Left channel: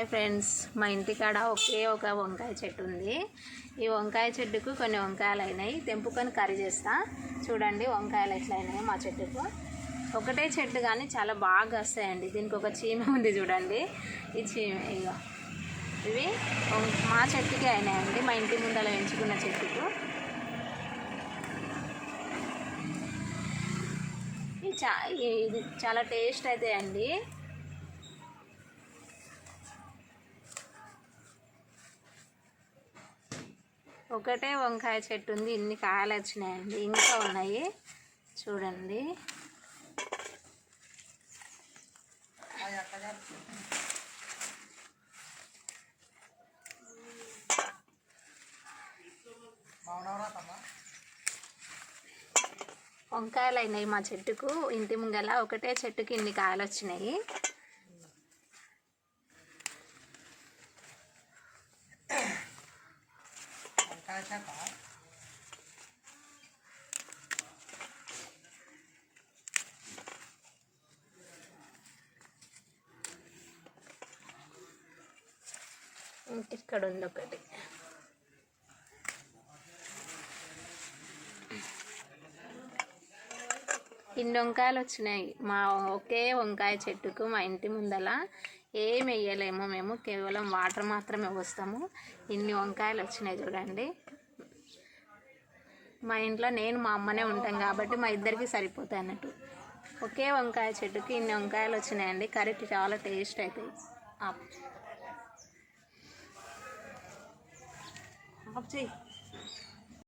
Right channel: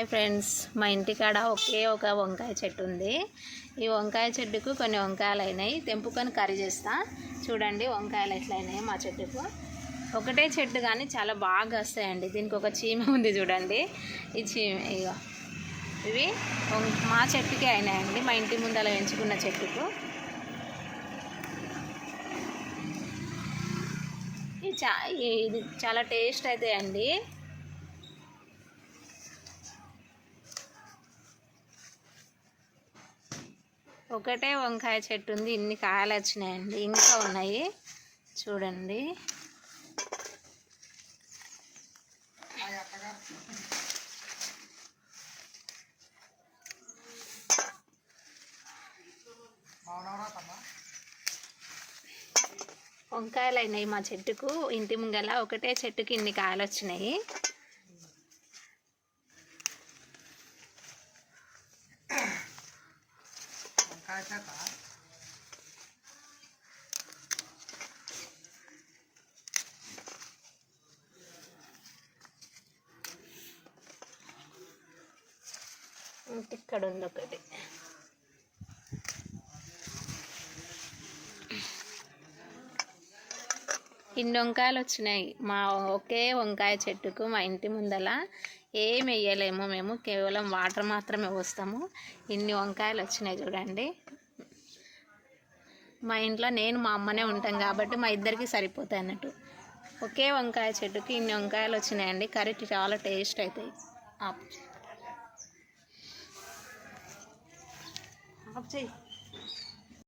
Hi friends మా ఇంటికాడ ఒకే ఒక వంకాయ చెట్టు ఉంది. ఈ వంకాయ చెట్టుకు కొన్ని వంకాయలు అయినాయి తెంపుకొని కర్రీ చేస్తా. చూడండి వంకాయలు ఎట్లా అయినాయి మా చెట్టుకు. ఒకటే చెట్టు కానీ చాలా బాగా వస్తాయండి. దీనికి ఒక చీమ ఉంది చూడండి. ఈ చీమ ఇగో. ఇవి మా చెట్టుకే అయినాయండి. మా ఇంటి ముందర పెంచుకున్న చెట్టుకు. ఇది చా ఇది చాలా టేస్ట్ అవుతాయండి ఒకటే వంకాయ చెట్టు ఉంది. ఇన్ని కాయలు వచ్చినాయండి. ఇంకా ఉన్నాయి. చూడండి. వంకాయలు అయినాయి మా చెట్టుకు. ఇంటి ముంగల ఒకటే చెట్టుకి ఇన్ని కాయలు వచ్చినాయి. ఇంక ఇక్కడ ఉంది ఒకటి. ఇన్ని వంకాయలు వచ్చినాయి. మా ఒకే వంకాయ చెట్టుకు మా ఇంటి ముందల ఏం వేయలేము మేము. కేవలం వాటర్ మాత్రమే పోస్తాము. ఇన్ని వంకాయలు వచ్చినాయి చూడండి. మా ఇంట్లో నేను మా అమ్మనే ఉంటాం కాబట్టి మా ఇద్దరికి సరిపోతాయి అన్నట్టు. ఒకే వంకాయ చెట్టుకి ఇన్ని వంకాయలు వచ్చినాయండి. కర్రీ చాలా టేస్ట్ అవుతాయి ఆఫ్ చేయి